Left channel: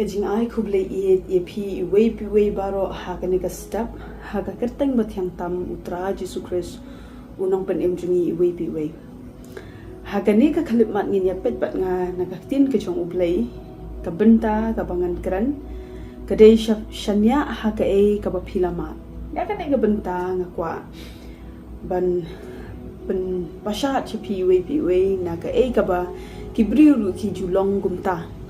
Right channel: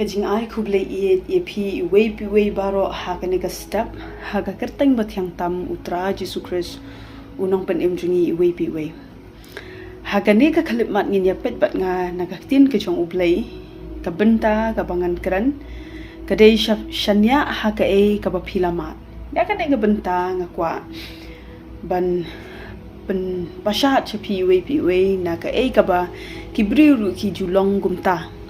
kajing ai kuble e pi we baro ha kane ka step ha ka kerteng bathyang tam utra Jesu Christ unong pen imjungi we pi we ha kane ka khalip mat ngin ya pet bat nga nagaktin ke jong ublei ka benta ka bangan kran ka dei shanya ha ka e ka ba philama ya ka dei ka benta nga kwa ban pen pasha chapi we na ka e ka ba kibriu ki julong gumta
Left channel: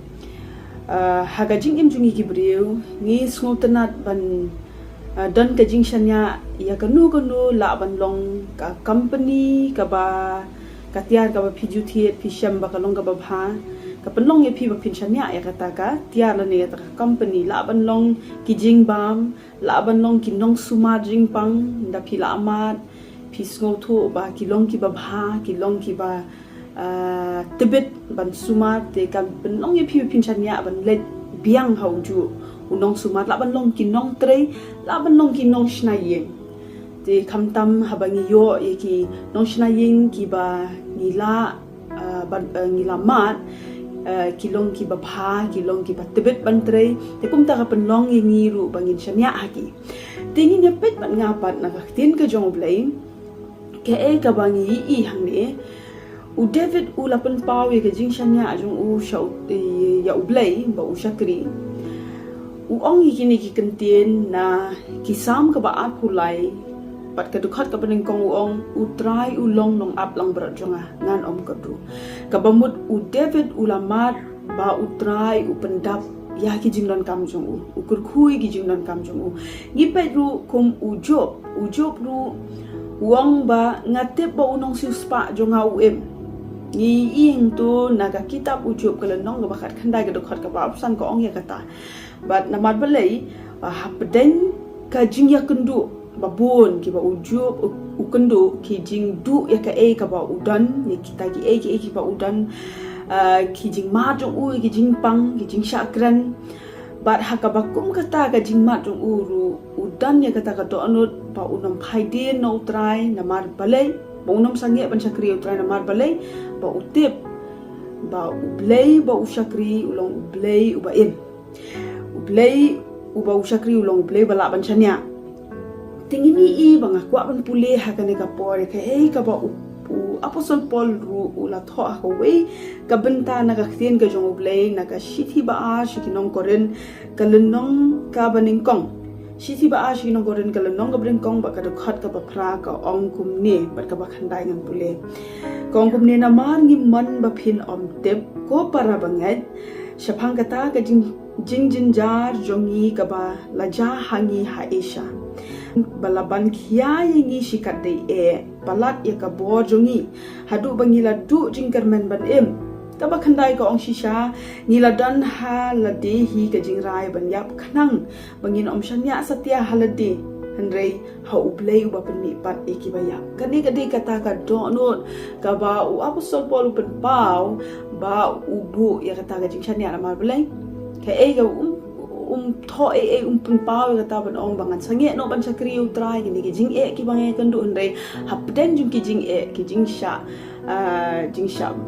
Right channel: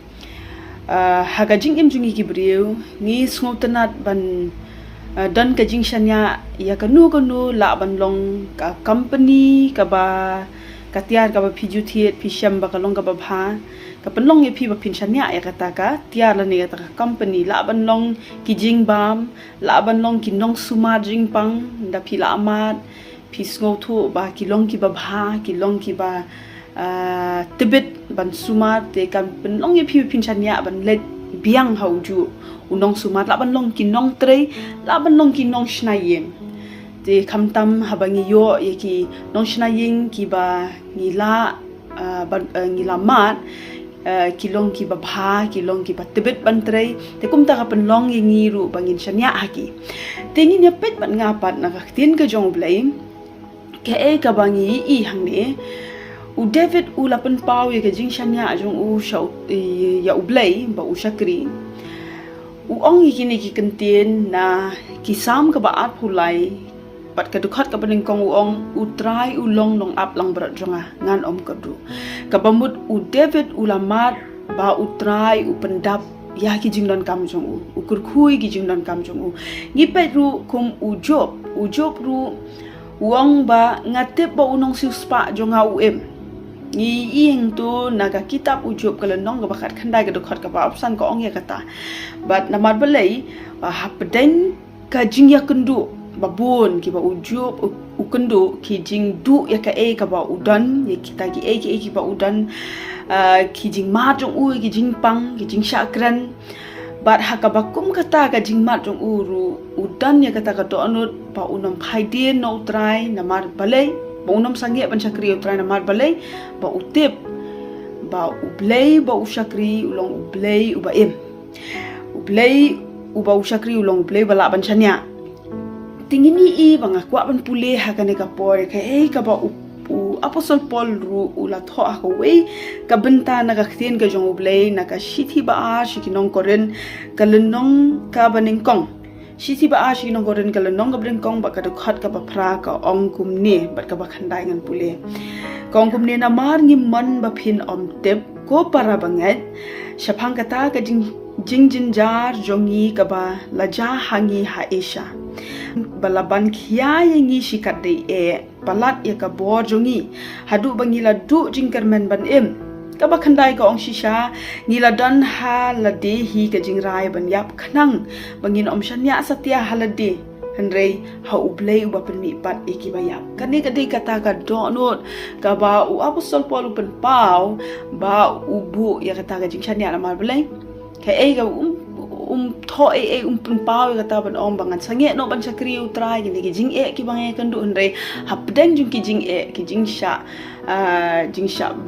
haga jing im jungi kibriu ngi sngoltanat ban dan ka jing shanya ya kanu la ban long ka company ka ba katiar ka ba phiju thiet phisham ba kalong ka ba bha ka penlong ye phi ba phin shanya ya kata ka tiar la ne ta company la ban long ki jing bam la ban long ki nong suma jing pang da phi la amat phi sngo thu ba ki long ki ba bha ki long ki ba tibet ban sumat te kan penlong ye phi phin chania ban let biang hauju unong sumat la ban long kinong tre la ban long kinong shnayen te khamtam habangi yo ye ki nong shnayin ki ba ngila ngila mat kilong ki ba bha kilong ki ba tibet ban tre te kumta ka penlong ye ngiru bangin shania haki tengin ya pet ban ngapat na tin ka jong blai ke e ka bangi I hangni u David u lapan pau ye ke jing shanya jong u shau ya u blai ba u shakri u ong yi kini ki kentien na ki sam ka ba at pulai pat ka dukhat ka paning kong u ong u try u long up lang bra jonga ngan om ka du ka bamut u David u lamat ba u try u pendap ya ki jing don kam jong u kur khui ki jing don kam jong u ngi pe ru kum u job ru uang ba ngatep ba unong siu spa jonga u em ngi ing tu naga kitab ujup kalau nong ga bakat khandai ga dokhat ka ba opsan ko ong ya kata but namar belai hapden ka jing ya kendu babon ki ba ujup u kendu ki jing du ya ka e ka ba udan ya kita ki ki ba udan ki jing ma jong u ki jing pang ki jing shakran but hakabakum kata ka jing ma jong uru udan ya kata ka to anut ba unam khaidin no try namar belai ba unam sangi ban chakri utrai na mar balai ba utip ba ublei ba ushakri ulong ublei uba em ublei uba ushakri ulong ublei bala ban chanya tingini I banga kwa ban pule hakane ka por ka e ka ba u apostle Paul ru ula tho a we ka benta na ka khien ka jong ublei na ka shithi ba a shikinong koren ka lenong ka baning kong Sisi ba ashi nong goren kala nong gabring kong ba kada khat ka ba phra ka ong kumne bat ka ba khandai ngan pule kong kumne na mar ngi man ba phin om tep ko para banget shaphang kata ka jing jar jongi ka ba laja hangi ha esha balaban khia yengi shikat de e palat ya ka bor jongi hadu bangila du jingkermen ban em kaba khandai ka ong shisha nila dan ha lade hi ka jingrai ban yap khanang bangin om shanya satya halade handrei ha ublei uba pen mi pat eki bayap kani kadi kata ka donot ka ba u apostol Paul pen pau ba ubu ya kata ka jing shanya na mar belai ka e ka tho pen pau ya kata ban om bangan sange no ban chakri utrai gini ki jing ki bangai kan du handrei hapdeng jung ki jing sha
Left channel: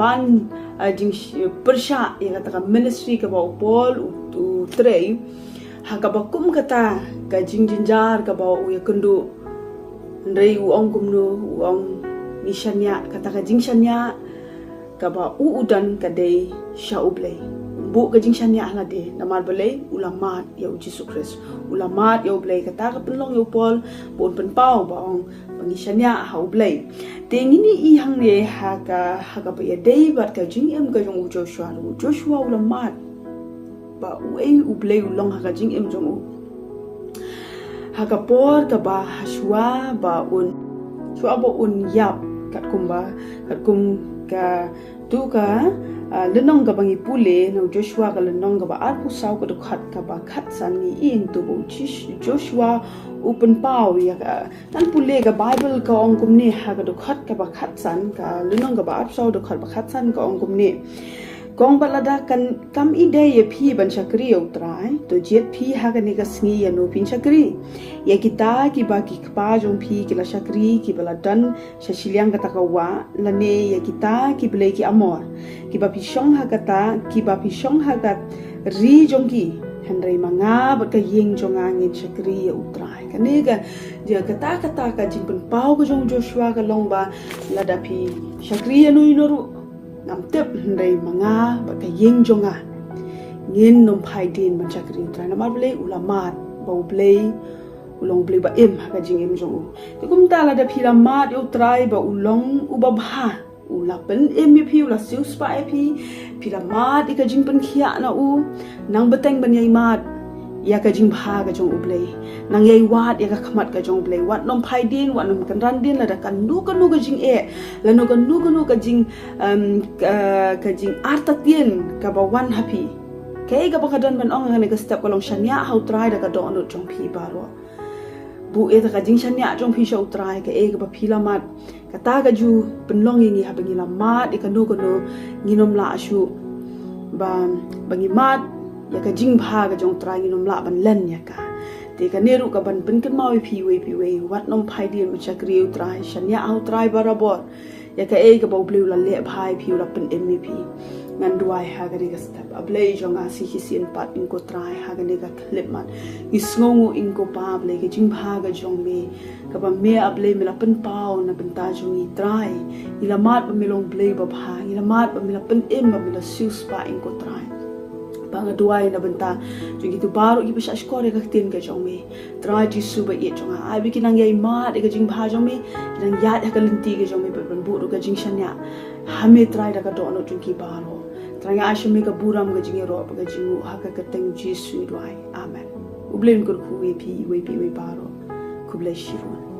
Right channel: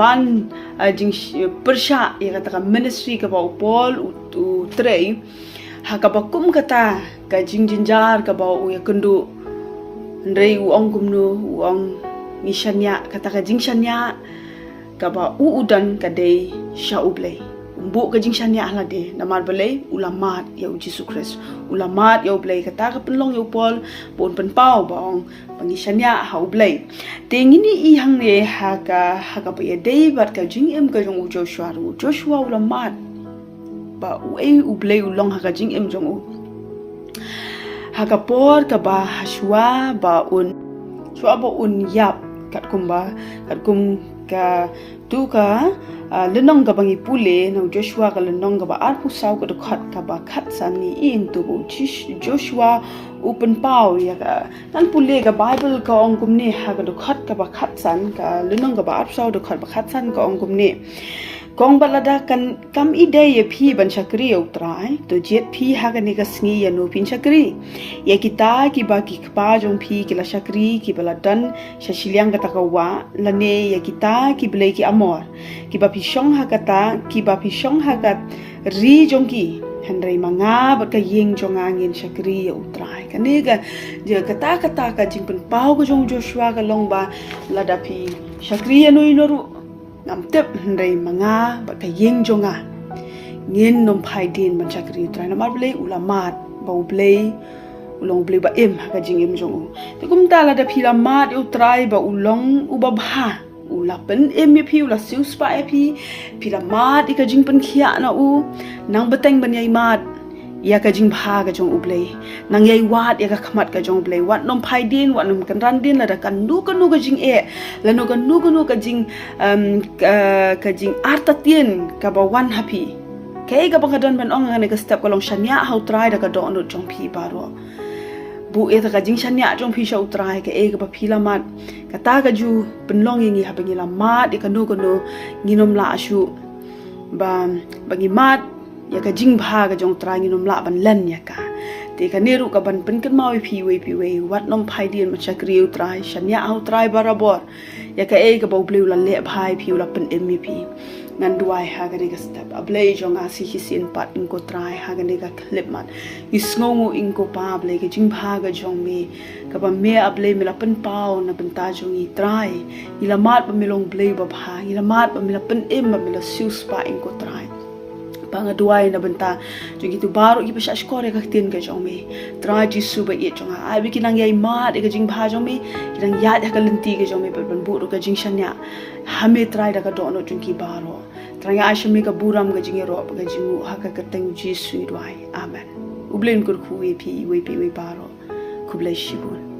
ban jing persha ya kata ministry ka ba Paul u trei ha ka ba kum kata ka jing jar ka ba u ya kendu ndrei u ong kum nu u ong mishanya kata ka jing shanya ka ba u udan ka dei sha ublei bu ka jing shanya hala de namar belai ulamat ya Jesus Christ ulamat ya ublei kata ka penlong ya Paul pun pen pau ba ong pangishanya ha ublei tengini I hang ne ha ka ba ya dei bat ka jing em ka jong Joshua ulamat ba u ublei ulong ha ka jing em jong u ha ka por ka ba hashwa ba un yap kat kum ka tu ka lenong ka bangi pule nang Joshua ka lenong ka ba at pusau ka dokhat ka ba khat san ni ing tu bo Joshua open pau ya ka nan pule ka Bible ka ong kumne ha ka dokhat ka ba khat san ka lenong ka ba at pusau dokhat ba khat san ka ong kumne Gong balada kan kam ide ye phi ban chakri utrai to jet phi hagani ka sngi ya no pin chakri ye kita ki ba ki pa jong phi ki la chakri ki baladan shashiliang kata kawa lane ye kita ki blai ki amor ki ba pi shong hakata ki ba pi shong hakat ri jong ki henry manga ba ka yeng jong angin chakri ya utrai kaniga je kata ka jing pen pau ko jong Joshua ka long ba lada phi chakri ya no inoru ngam tep henry manga ba ka yeng jonga ngin nom phai din ban chakri utrai na mar blai ulamat bau blai ulong blai ba em ka jing em jong te kum ta la da phi la mat utrai ba ulong ubabha ulapen em pi ula siu spa pi la mat ka jing pen khia na u nang bateng ban yai mat ya ka jing bha ka jong ublei nang yai wat ya ka khamat ka jong ublei wat nom phai din wat nom kan ran din la da kan nu ka jing la no ka nu ka jing ka jing arta tien ka ba wan happy ke ga bangadan ban ong ngane ka step kolong shanya how try da ka do no jong pi baro bu e ka jing shanya jong pi show try ke ga ba phi la mat ka ta ka ju penlong ngi ha bangi la mat e ka nu nginom la asu ba bangi mat ya ka jing bha ka jong try nginom la ban len ya ka te ka neru ka ban pen kan mawi pi we wat nom phai din ma chakri utrai shanya au try barabor ya ka ka bo bleu la le bhai pi la pen mep ngan duai ha ga ga step ablei jong asi hisin pat in ko try ha ga ga clip man isngongu in ko pa ble ke jing bha ga jong me ka ba me ablei me la pen pau na pen ta jong i try ila mat ba me long blei ba bha ila mat ba me la pen ba me la siu spa in ko try banga duai na benta jogi tu baru ki pasha skore ka tin ka jong me tra ji su ba ye jong a bi kinang yai ma de ka jing bha jong me kinang ya de ka lenti ka jong me ban bu ka jing shanya hame trai da ka do no jung ki balo tra ya ashme ka buram ka jing ro ka jing ha ka ka teng ji su duai amen ublen kur khu we pi we baro ku bless you